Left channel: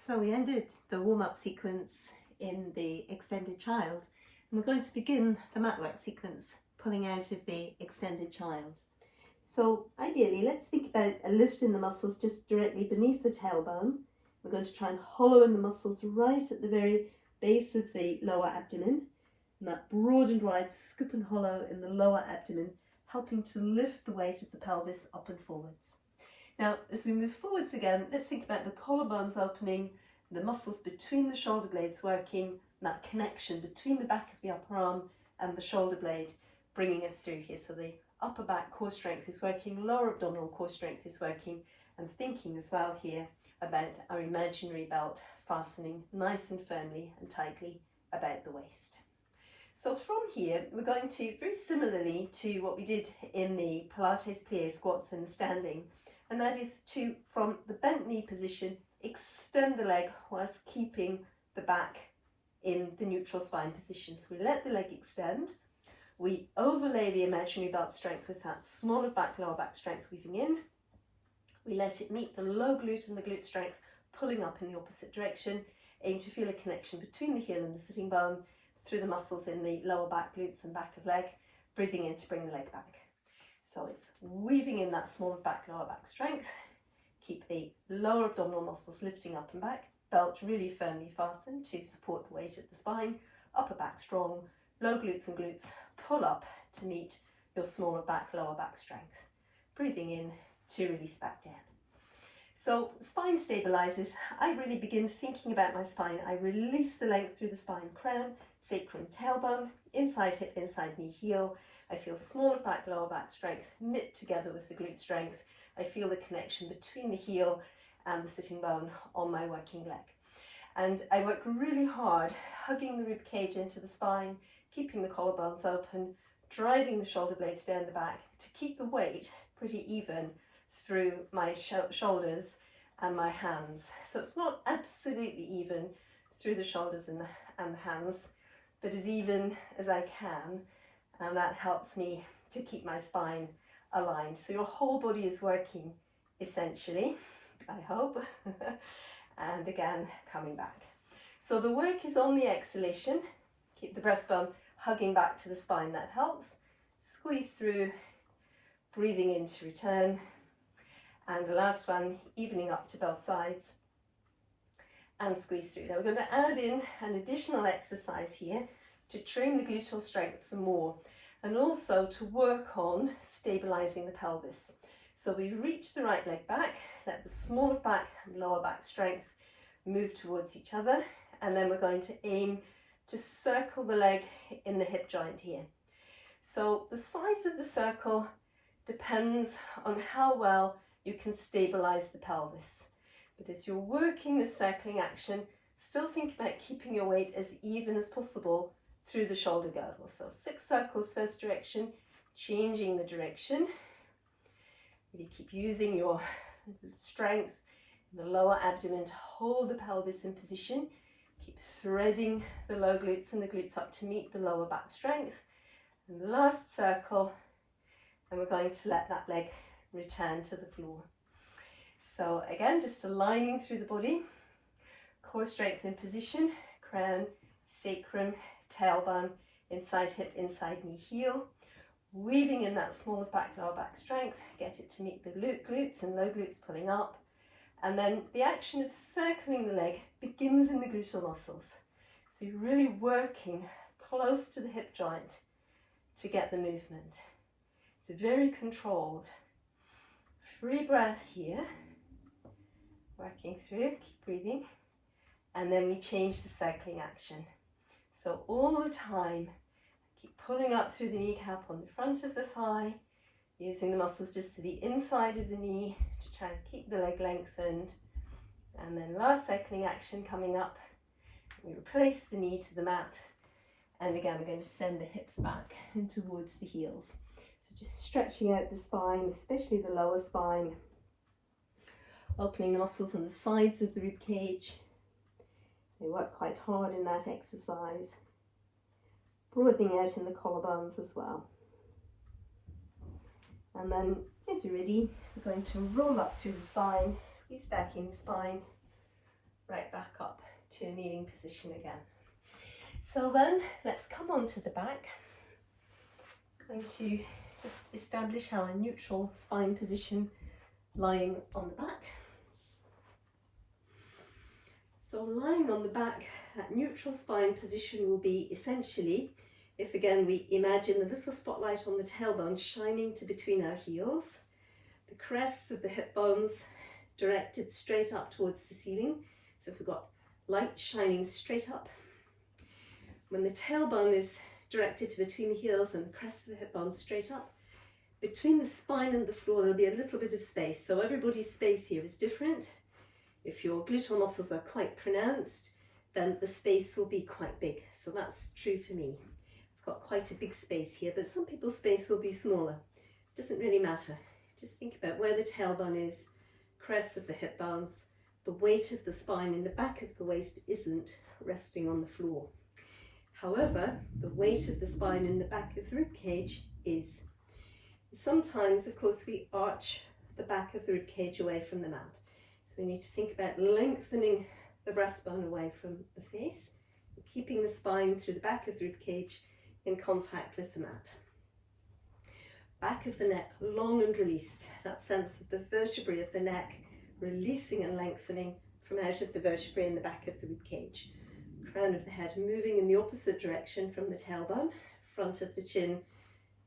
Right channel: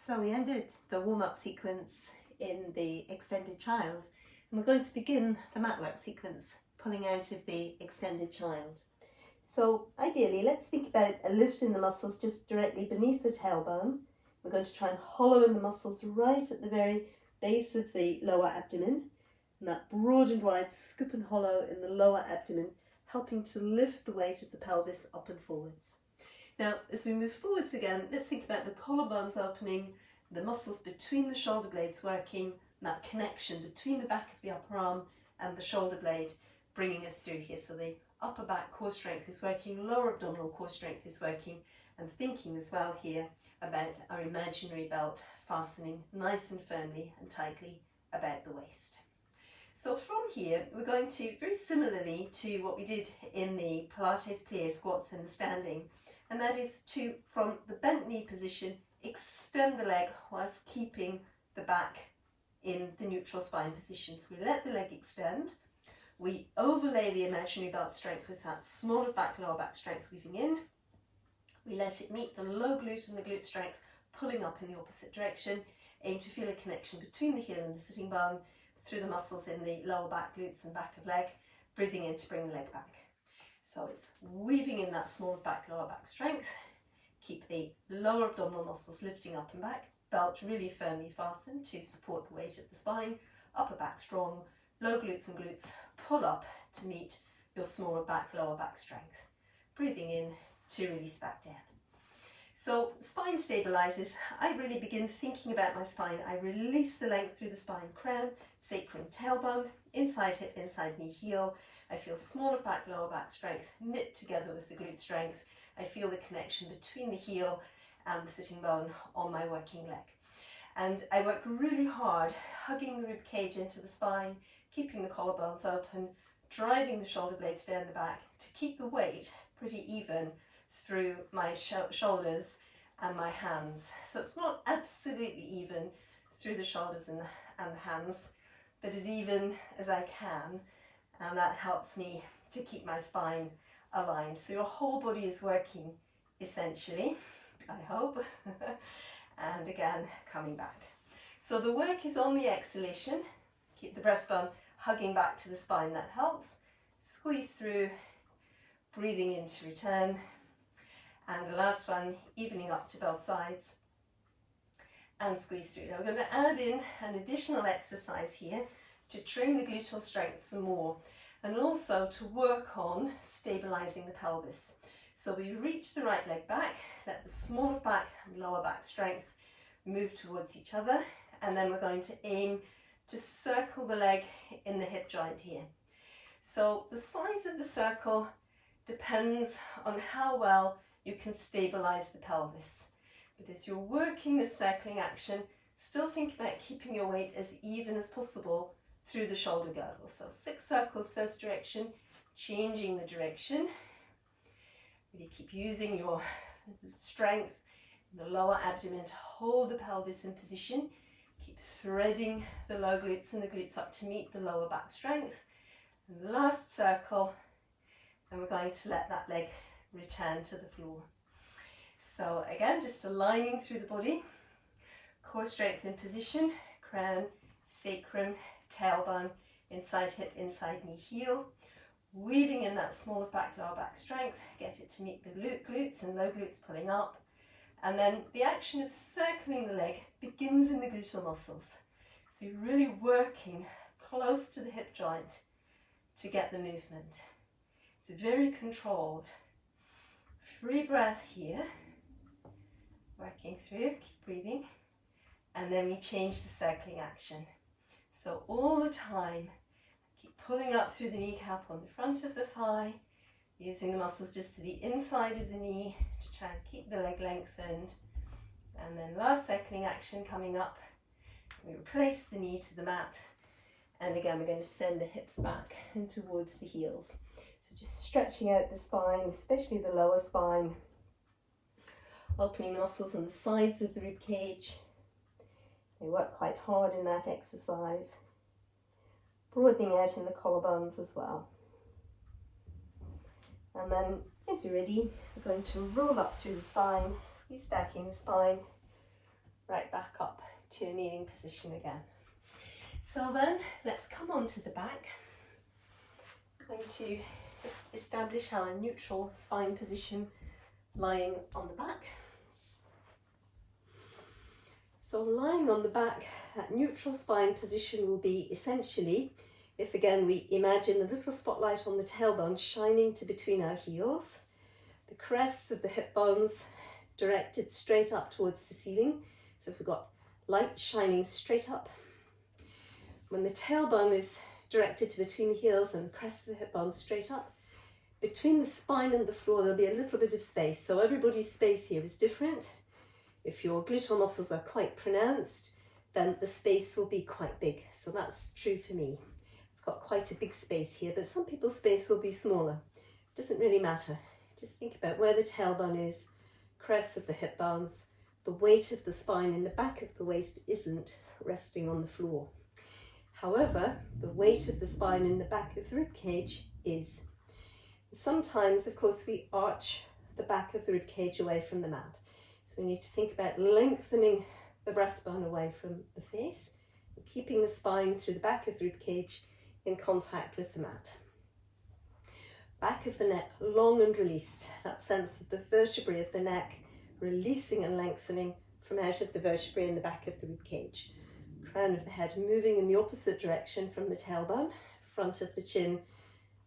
So we ended the warm-up sequence in the extended child, and we're going to begin the mat work sequence, pulling out of the extended child. So ideally, let's think about a lift in the muscles just directly beneath the tailbone. We're going to try and hollow in the muscles right at the very base of the lower abdomen, and that broad and wide scoop and hollow in the lower abdomen, helping to lift the weight of the pelvis up and forwards. Now, as we move forwards again, let's think about the collarbones opening, the muscles between the shoulder blades working, that connection between the back of the upper arm and the shoulder blade bringing us through here. So the upper back core strength is working, lower abdominal core strength is working, and thinking as well here about our imaginary belt fastening nice and firmly and tightly about the waist. So from here, we're going to, very similarly to what we did in the Pilates plie squats and standing, and that is to, from the bent knee position, extend the leg whilst keeping the back in the neutral spine position. So we let the leg extend, we overlay the imaginary belt strength with that smaller back, lower back strength weaving in, we let it meet the low glute and the glute strength pulling up in the opposite direction, aim to feel a connection between the heel and the sitting bone through the muscles in the lower back glutes and back of leg, breathing in to bring the leg back. So it's weaving in that smaller back, lower back strength, keep the lower abdominal muscles lifting up and back, belt really firmly fastened to support the weight of the spine, upper back strong, low glutes and glutes pull up to meet your smaller back, lower back strength. Breathing in to release back down. So spine stabilizes. I really begin thinking about my spine. I release the length through the spine, crown, sacrum, tailbone, inside hip, inside knee, heel. I feel smaller back, lower back strength knit together with the glute strength. I feel the connection between the heel and the sitting bone on my working leg. And I work really hard, hugging the rib cage into the spine, keeping the collarbones open, driving the shoulder blades down the back to keep the weight pretty even through my shoulders and my hands. So it's not absolutely even through the shoulders and the hands, but as even as I can. And that helps me to keep my spine aligned. So your whole body is working essentially, I hope, and again, coming back. So the work is on the exhalation. Keep the breastbone hugging back to the spine, that helps. Squeeze through, breathing in to return. And the last one, evening up to both sides and squeeze through. Now we're going to add in an additional exercise here to train the gluteal strength some more, and also to work on stabilizing the pelvis. So we reach the right leg back, let the smaller back and lower back strength move towards each other, and then we're going to aim to circle the leg in the hip joint here. So the size of the circle depends on how well you can stabilize the pelvis. But as you're working this circling action, still think about keeping your weight as even as possible through the shoulder girdle. So 6 circles first direction, changing the direction. Really keep using your strength in the lower abdomen to hold the pelvis in position. Keep threading the low glutes and the glutes up to meet the lower back strength. And the last circle, and we're going to let that leg return to the floor. So again, just aligning through the body, core strength in position, crown, sacrum, tailbone, inside hip, inside knee, heel, weaving in that smaller back, lower back strength, get it to meet the glutes and low glutes pulling up, and then the action of circling the leg begins in the gluteal muscles. So you're really working close to the hip joint to get the movement. It's very controlled. Free breath here, working through, keep breathing, and then we change the circling action. So all the time, keep pulling up through the kneecap on the front of the thigh, using the muscles just to the inside of the knee to try and keep the leg lengthened. And then last circling action coming up, we replace the knee to the mat, and again we're going to send the hips back and towards the heels. So just stretching out the spine, especially the lower spine, opening the muscles on the sides of the rib cage. They work quite hard in that exercise. Broadening out in the collarbones as well. And then, as you're ready, we're going to roll up through the spine, restacking the spine, right back up to a kneeling position again. So then let's come onto the back. I'm going to just establish our neutral spine position lying on the back. So lying on the back, that neutral spine position will be essentially, if again we imagine a little spotlight on the tailbone shining to between our heels, the crests of the hip bones directed straight up towards the ceiling. So if we've got light shining straight up, when the tailbone is directed to between the heels and the crest of the hip bones straight up, between the spine and the floor there'll be a little bit of space. So everybody's space here is different. If your gluteal muscles are quite pronounced, then the space will be quite big. So that's true for me. I've got quite a big space here, but some people's space will be smaller. It doesn't really matter. Just think about where the tailbone is, crests of the hip bones, the weight of the spine in the back of the waist isn't resting on the floor. However, the weight of the spine in the back of the rib cage is. Sometimes, of course, we arch the back of the rib cage away from the mat. So we need to think about lengthening the breastbone away from the face, and keeping the spine through the back of the rib cage in contact with the mat. Back of the neck long and released, that sense of the vertebrae of the neck releasing and lengthening from out of the vertebrae in the back of the rib cage. Crown of the head moving in the opposite direction from the tailbone, front of the chin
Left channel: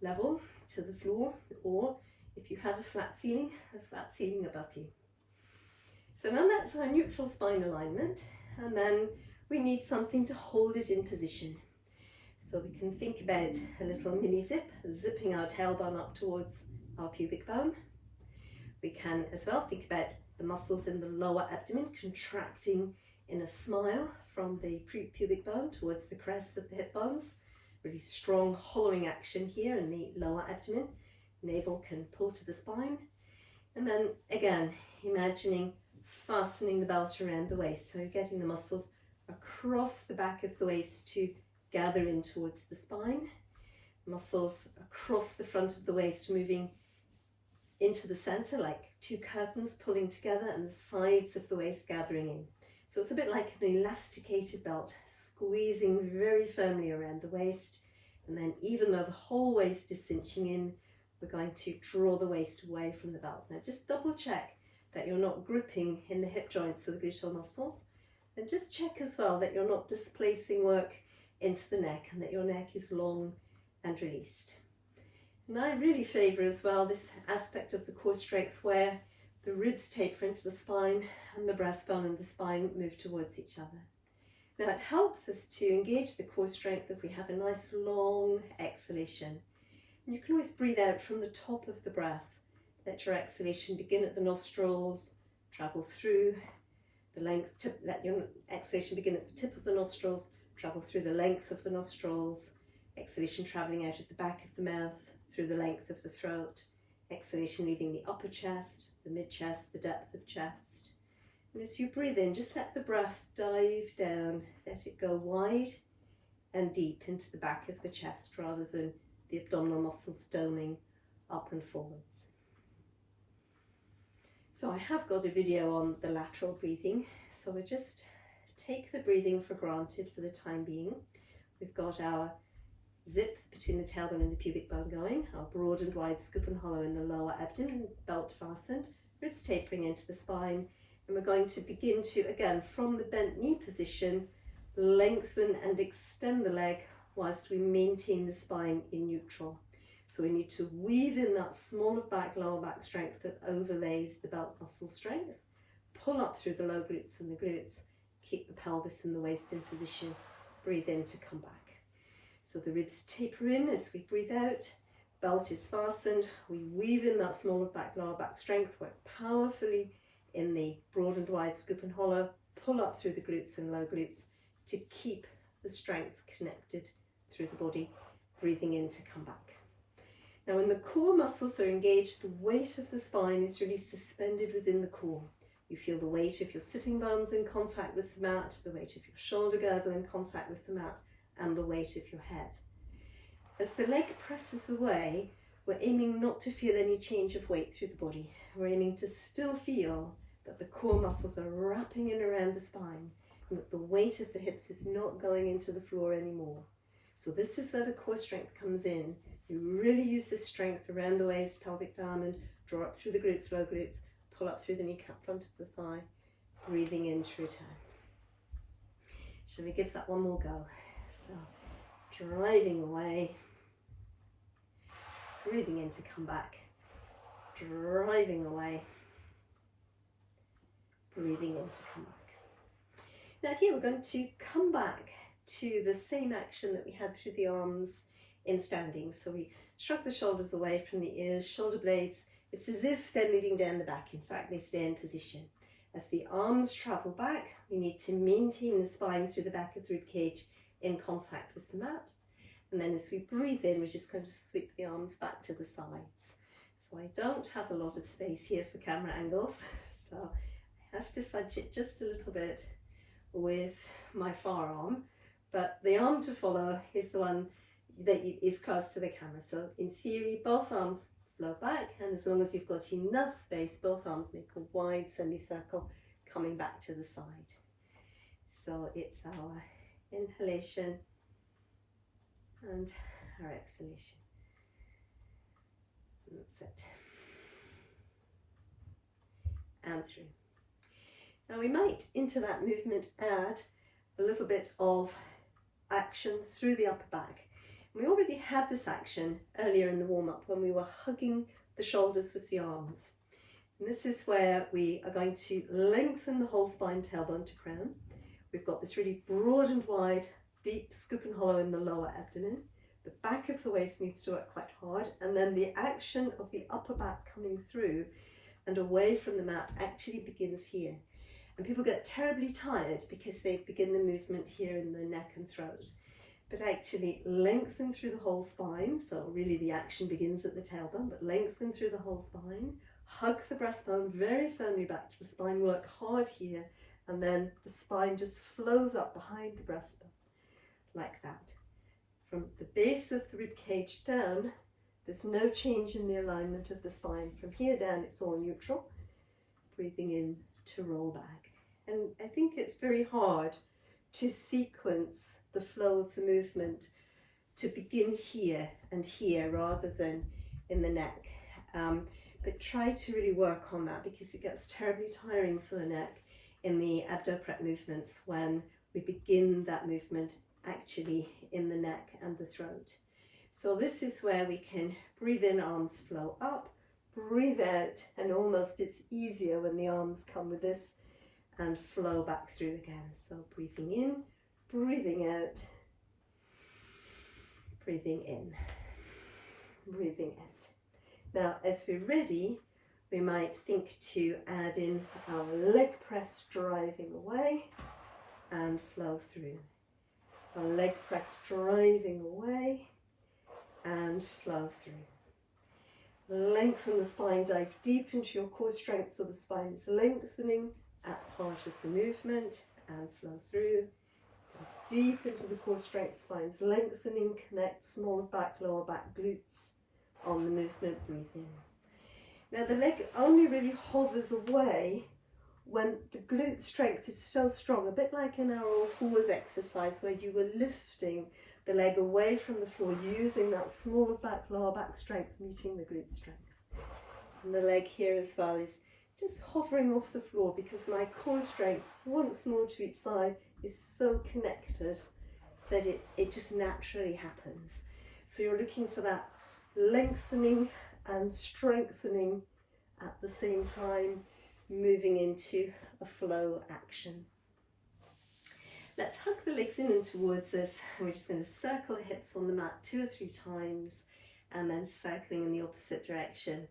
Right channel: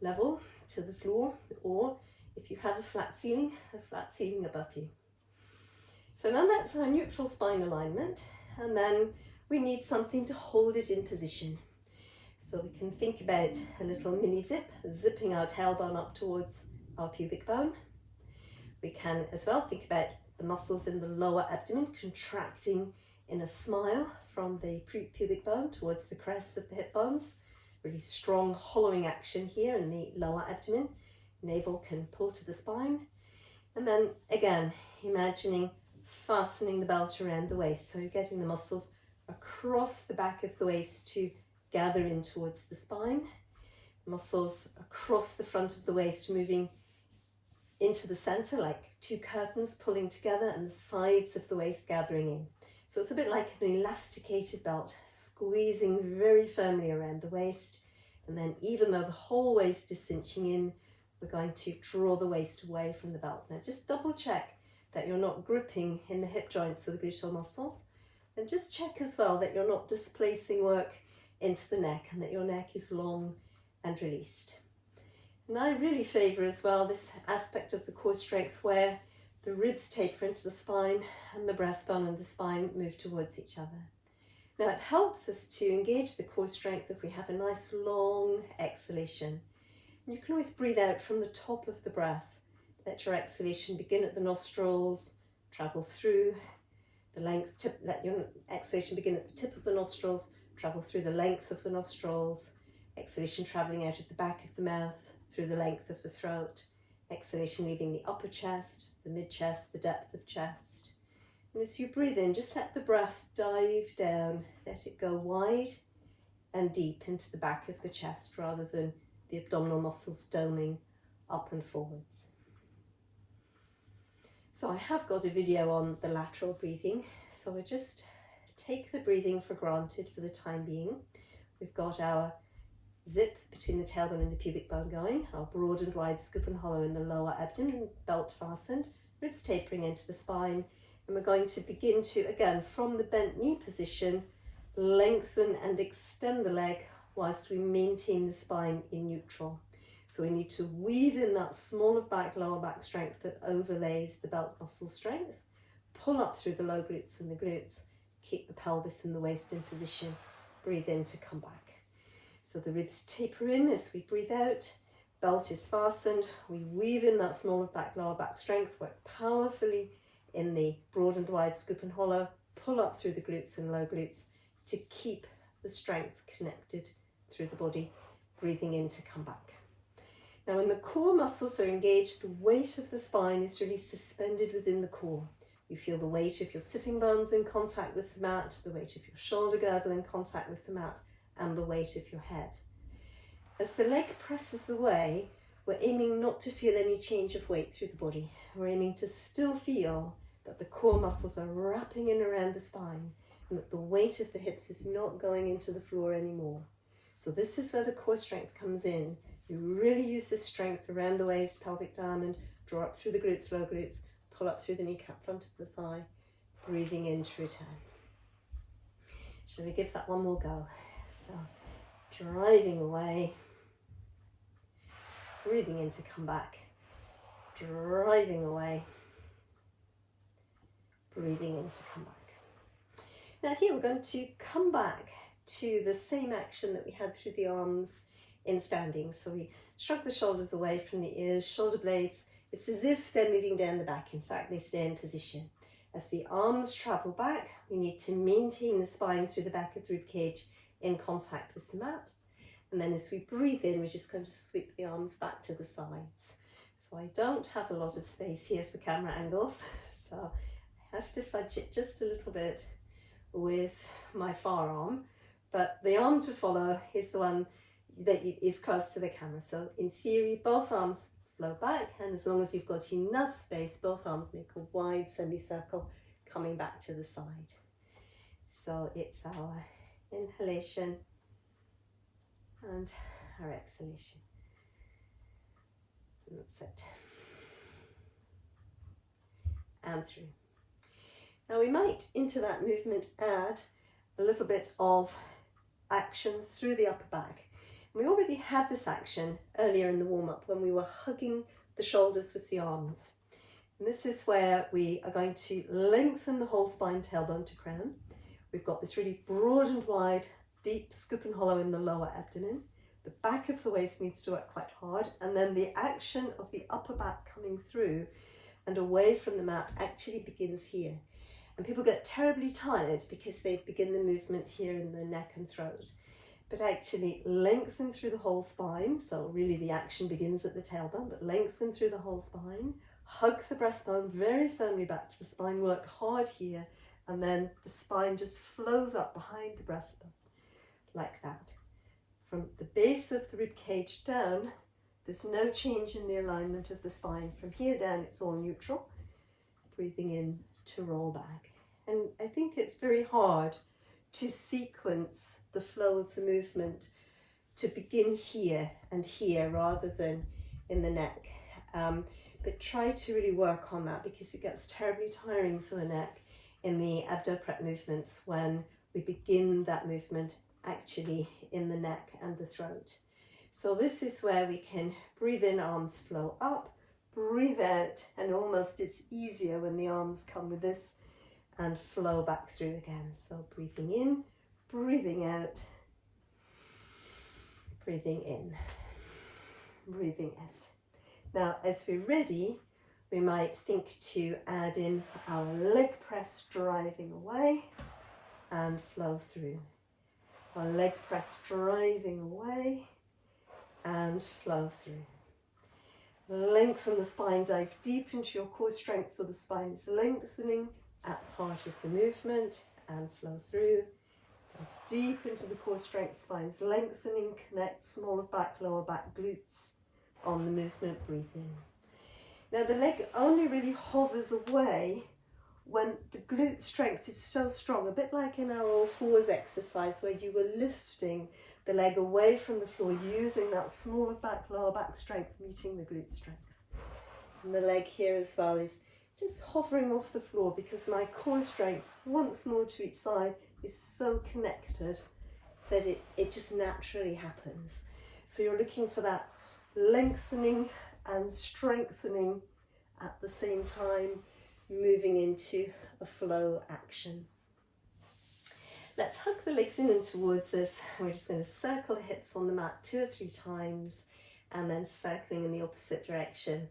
level to the floor, or if you have a flat ceiling above you. So now that's our neutral spine alignment, and then we need something to hold it in position. So we can think about a little mini zip, zipping our tailbone up towards our pubic bone. We can as well think about the muscles in the lower abdomen contracting in a smile from the pubic bone towards the crest of the hip bones. Really strong hollowing action here in the lower abdomen. Navel can pull to the spine. And then again, imagining fastening the belt around the waist. So you're getting the muscles across the back of the waist to gather in towards the spine. Muscles across the front of the waist moving into the center like two curtains pulling together, and the sides of the waist gathering in. So it's a bit like an elasticated belt, squeezing very firmly around the waist. And then even though the whole waist is cinching in, we're going to draw the waist away from the belt. Now just double check that you're not gripping in the hip joints or the gluteal muscles. And just check as well that you're not displacing work into the neck and that your neck is long and released. And I really favour as well this aspect of the core strength where the ribs taper into the spine and the breastbone and the spine move towards each other. Now it helps us to engage the core strength if we have a nice long exhalation. And you can always breathe out from the top of the breath. Let your exhalation begin at the nostrils, travel through the length, let your exhalation begin at the tip of the nostrils, travel through the length of the nostrils, exhalation travelling out of the back of the mouth, through the length of the throat, exhalation leaving the upper chest, the mid-chest, the depth of chest. And as you breathe in, just let the breath dive down, let it go wide and deep into the back of the chest rather than the abdominal muscles doming up and forwards. So I have got a video on the lateral breathing, so we just take the breathing for granted for the time being. We've got our zip between the tailbone and the pubic bone going, our broad and wide scoop and hollow in the lower abdomen, belt fastened, ribs tapering into the spine, and we're going to begin to, again, from the bent knee position, lengthen and extend the leg whilst we maintain the spine in neutral. So we need to weave in that small of back, lower back strength that overlays the belt muscle strength, pull up through the low glutes and the glutes, keep the pelvis and the waist in position, breathe in to come back. So the ribs taper in as we breathe out, belt is fastened, we weave in that small of back, lower back strength, work powerfully in the broad and wide scoop and hollow, pull up through the glutes and low glutes to keep the strength connected through the body, breathing in to come back. Now when the core muscles are engaged, the weight of the spine is really suspended within the core. You feel the weight of your sitting bones in contact with the mat, the weight of your shoulder girdle in contact with the mat, and the weight of your head. As the leg presses away, we're aiming not to feel any change of weight through the body. We're aiming to still feel that the core muscles are wrapping in around the spine and that the weight of the hips is not going into the floor anymore. So this is where the core strength comes in. You really use this strength around the waist, pelvic diamond, draw up through the glutes, low glutes, pull up through the kneecap, front of the thigh, breathing in to return. Shall we give that one more go? So, driving away, breathing in to come back, driving away, breathing in to come back. Now here we're going to come back to the same action that we had through the arms in standing. So we shrug the shoulders away from the ears, shoulder blades. It's as if they're moving down the back. In fact, they stay in position. As the arms travel back, we need to maintain the spine through the back of the rib cage in contact with the mat. And then as we breathe in, we're just going to sweep the arms back to the sides. So I don't have a lot of space here for camera angles, so I have to fudge it just a little bit with my forearm, but the arm to follow is the one that is close to the camera. So in theory, both arms flow back, and as long as you've got enough space, both arms make a wide semicircle coming back to the side. So it's our inhalation and our exhalation. And that's it. And through. Now we might, into that movement, add a little bit of action through the upper back. We already had this action earlier in the warm-up when we were hugging the shoulders with the arms. And this is where we are going to lengthen the whole spine, tailbone to crown. We've got this really broad and wide, deep scoop and hollow in the lower abdomen. The back of the waist needs to work quite hard, and then the action of the upper back coming through and away from the mat actually begins here. And people get terribly tired because they begin the movement here in the neck and throat. But actually lengthen through the whole spine. So really the action begins at the tailbone, but lengthen through the whole spine. Hug the breastbone very firmly back to the spine, work hard here, and then the spine just flows up behind the breastbone, like that. From the base of the rib cage down, there's no change in the alignment of the spine. From here down, it's all neutral. Breathing in to roll back. And I think it's very hard to sequence the flow of the movement to begin here and here rather than in the neck. But try to really work on that, because it gets terribly tiring for the neck in the abdo-prep movements when we begin that movement actually in the neck and the throat. So this is where we can breathe in, arms flow up, breathe out, and almost it's easier when the arms come with this and flow back through again. So breathing in, breathing out, breathing in, breathing out. Now, as we're ready, we might think to add in our leg press driving away and flow through. Our leg press driving away and flow through. Lengthen the spine, dive deep into your core strength so the spine is lengthening at part of the movement and flow through. Deep into the core strength, spine's lengthening, connect smaller back, lower back glutes on the movement, breathe in. Now the leg only really hovers away when the glute strength is so strong, a bit like in our all fours exercise where you were lifting the leg away from the floor using that smaller back, lower back strength meeting the glute strength. And the leg here as well is just hovering off the floor because my core strength, once more to each side, is so connected that it just naturally happens. So you're looking for that lengthening and strengthening at the same time, moving into a flow action. Let's hug the legs in and towards us. We're just going to circle the hips on the mat 2 or 3 times and then circling in the opposite direction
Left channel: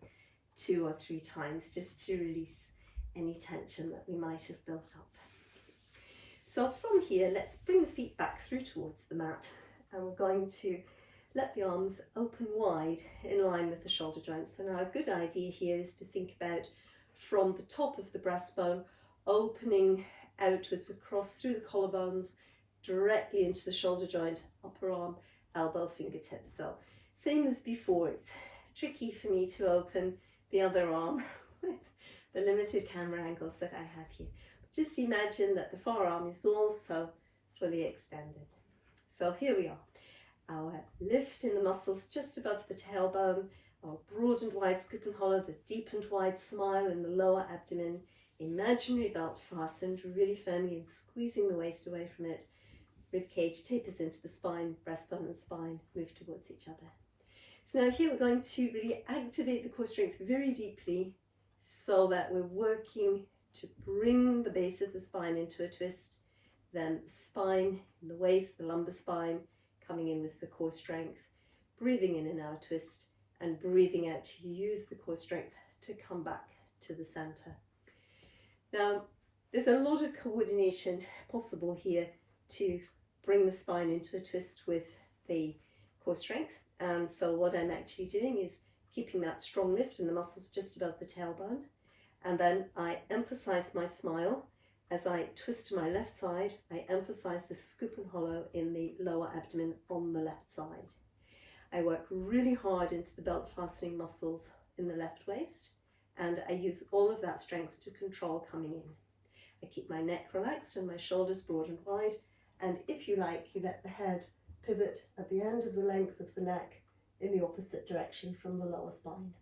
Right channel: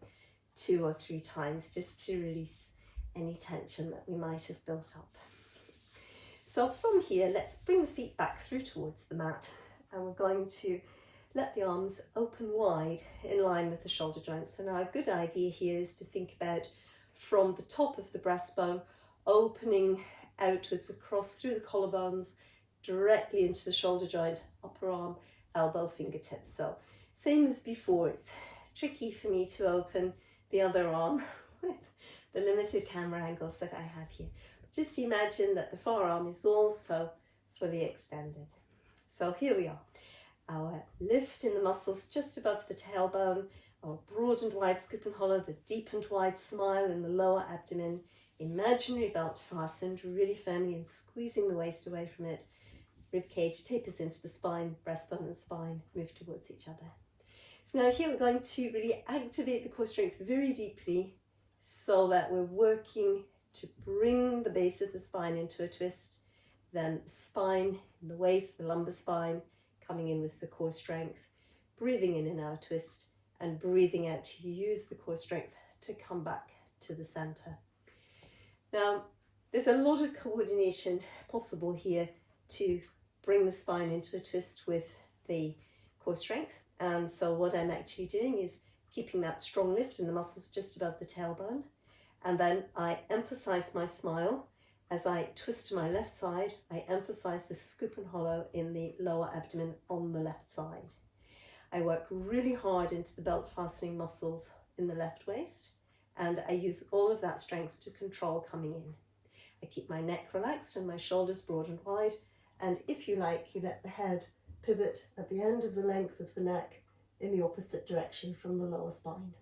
2 or 3 times just to release any tension that we might have built up. So from here, let's bring the feet back through towards the mat, and we're going to let the arms open wide in line with the shoulder joints. So now a good idea here is to think about from the top of the breastbone, opening outwards across through the collarbones, directly into the shoulder joint, upper arm, elbow, fingertips. So same as before, it's tricky for me to open the other arm with the limited camera angles that I have here. Just imagine that the forearm is also fully extended. So here we are. Our lift in the muscles just above the tailbone, our broad and wide scoop and hollow, the deep and wide smile in the lower abdomen, imaginary belt fastened really firmly and squeezing the waist away from it. Rib cage tapers into the spine, breastbone and spine move towards each other. So now here we're going to really activate the core strength very deeply so that we're working to bring the base of the spine into a twist, then the spine and the waist, the lumbar spine, coming in with the core strength, breathing in and out of twist, and breathing out to use the core strength to come back to the center. Now, there's a lot of coordination possible here to bring the spine into a twist with the core strength. And so what I'm actually doing is keeping that strong lift in the muscles just above the tailbone. And then I emphasize my smile. As I twist to my left side, I emphasize the scoop and hollow in the lower abdomen on the left side. I work really hard into the belt fastening muscles in the left waist, and I use all of that strength to control coming in. I keep my neck relaxed and my shoulders broad and wide, and if you like, you let the head pivot at the end of the length of the neck in the opposite direction from the lower spine.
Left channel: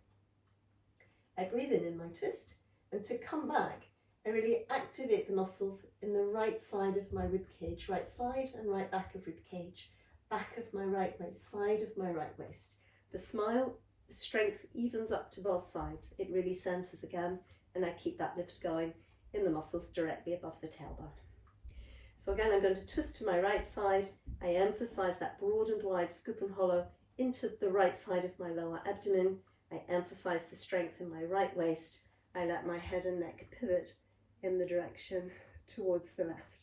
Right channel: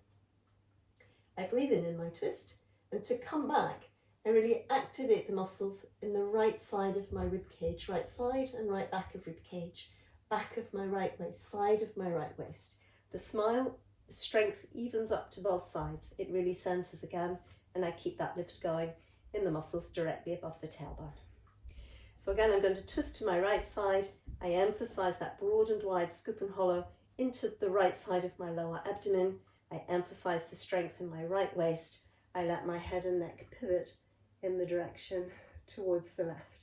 I breathe in my twist, and to come back, I really activate the muscles in the right side of my rib cage, right side and right back of rib cage, back of my right waist, side of my right waist. The smile, the strength evens up to both sides. It really centers again, and I keep that lift going in the muscles directly above the tailbone. So again, I'm going to twist to my right side. I emphasize that broad and wide scoop and hollow into the right side of my lower abdomen. I emphasize the strength in my right waist. I let my head and neck pivot in the direction towards the left.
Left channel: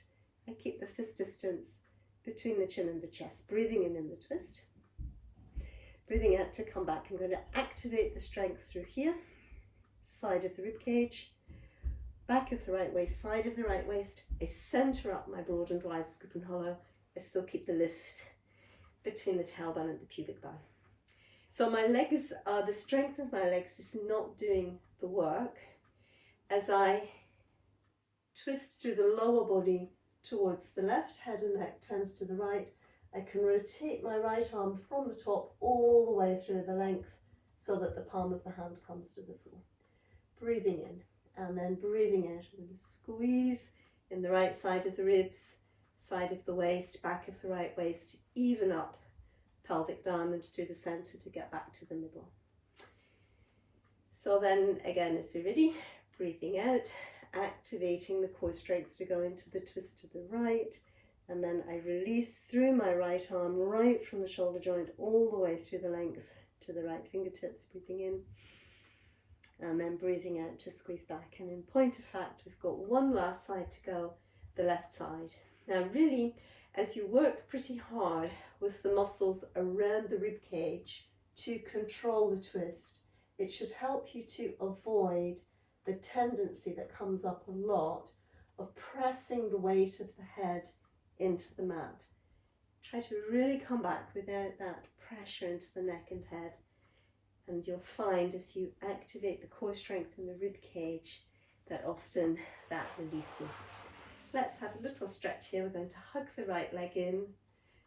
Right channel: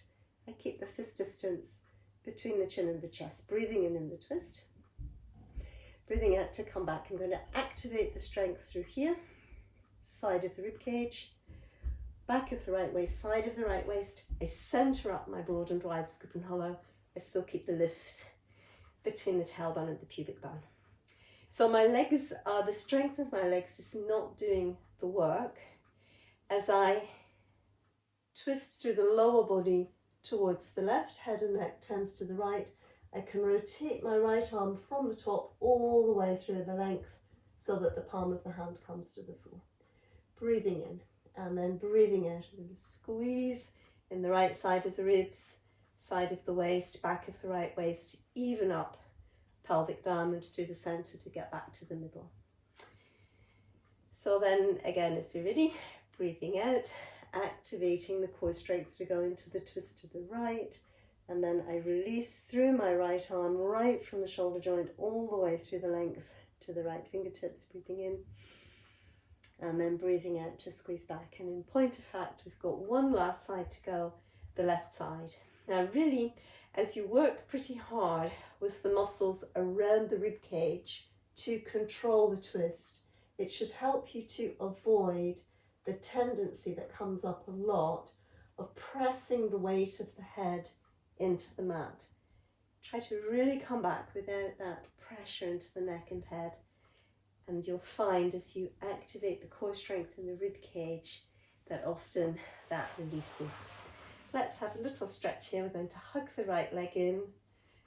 I keep the fist distance between the chin and the chest, breathing in the twist. Breathing out to come back. I'm going to activate the strength through here, side of the rib cage, back of the right waist, side of the right waist. I center up my broad and wide scoop and hollow. I still keep the lift between the tailbone and the pubic bone. So my legs are, the strength of my legs is not doing the work. As I twist through the lower body towards the left, head and neck turns to the right, I can rotate my right arm from the top all the way through the length so that the palm of the hand comes to the floor. Breathing in and then breathing out. I'm going to squeeze in the right side of the ribs, side of the waist, back of the right waist, even up pelvic diamond through the center to get back to the middle. So then again, as we're ready, breathing out, activating the core strength to go into the twist to the right, and then I release through my right arm, right from the shoulder joint all the way through the length to the right fingertips, breathing in, and then breathing out to squeeze back. And in point of fact, we've got one last side to go, the left side. Now really, as you work pretty hard with the muscles around the rib cage to control the twist, it should help you to avoid the tendency that comes up a lot of pressing the weight of the head into the mat. Try to really come back without that pressure into the neck and head, and you'll find as you activate the core strength in the rib cage that often that releases. Let's have a little stretch here. We're going to hug the right leg in,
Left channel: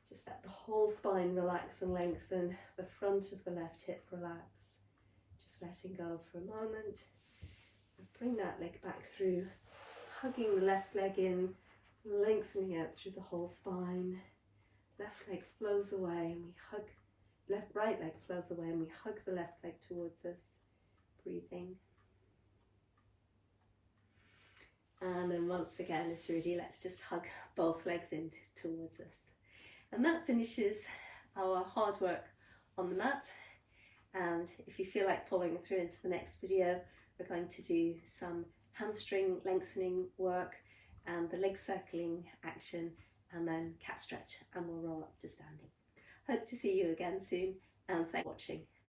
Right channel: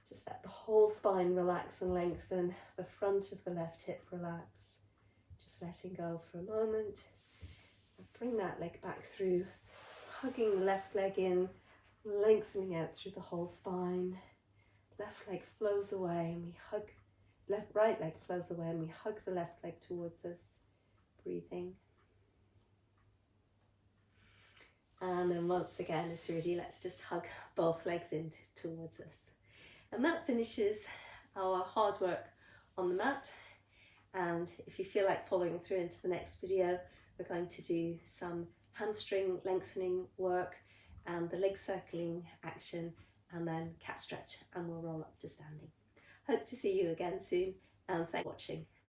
just let the whole spine relax and lengthen, the front of the left hip relax, just letting go for a moment. Bring that leg back through, hugging the left leg in, lengthening out through the whole spine. Left leg flows away and we hug, right leg flows away and we hug the left leg towards us, breathing. And then once again, as you're ready, let's just hug both legs in towards us. And that finishes our hard work on the mat. And if you feel like following through into the next video, we're going to do some hamstring lengthening work and the leg circling action, and then cat stretch, and we'll roll up to standing. Hope to see you again soon, and thanks for watching.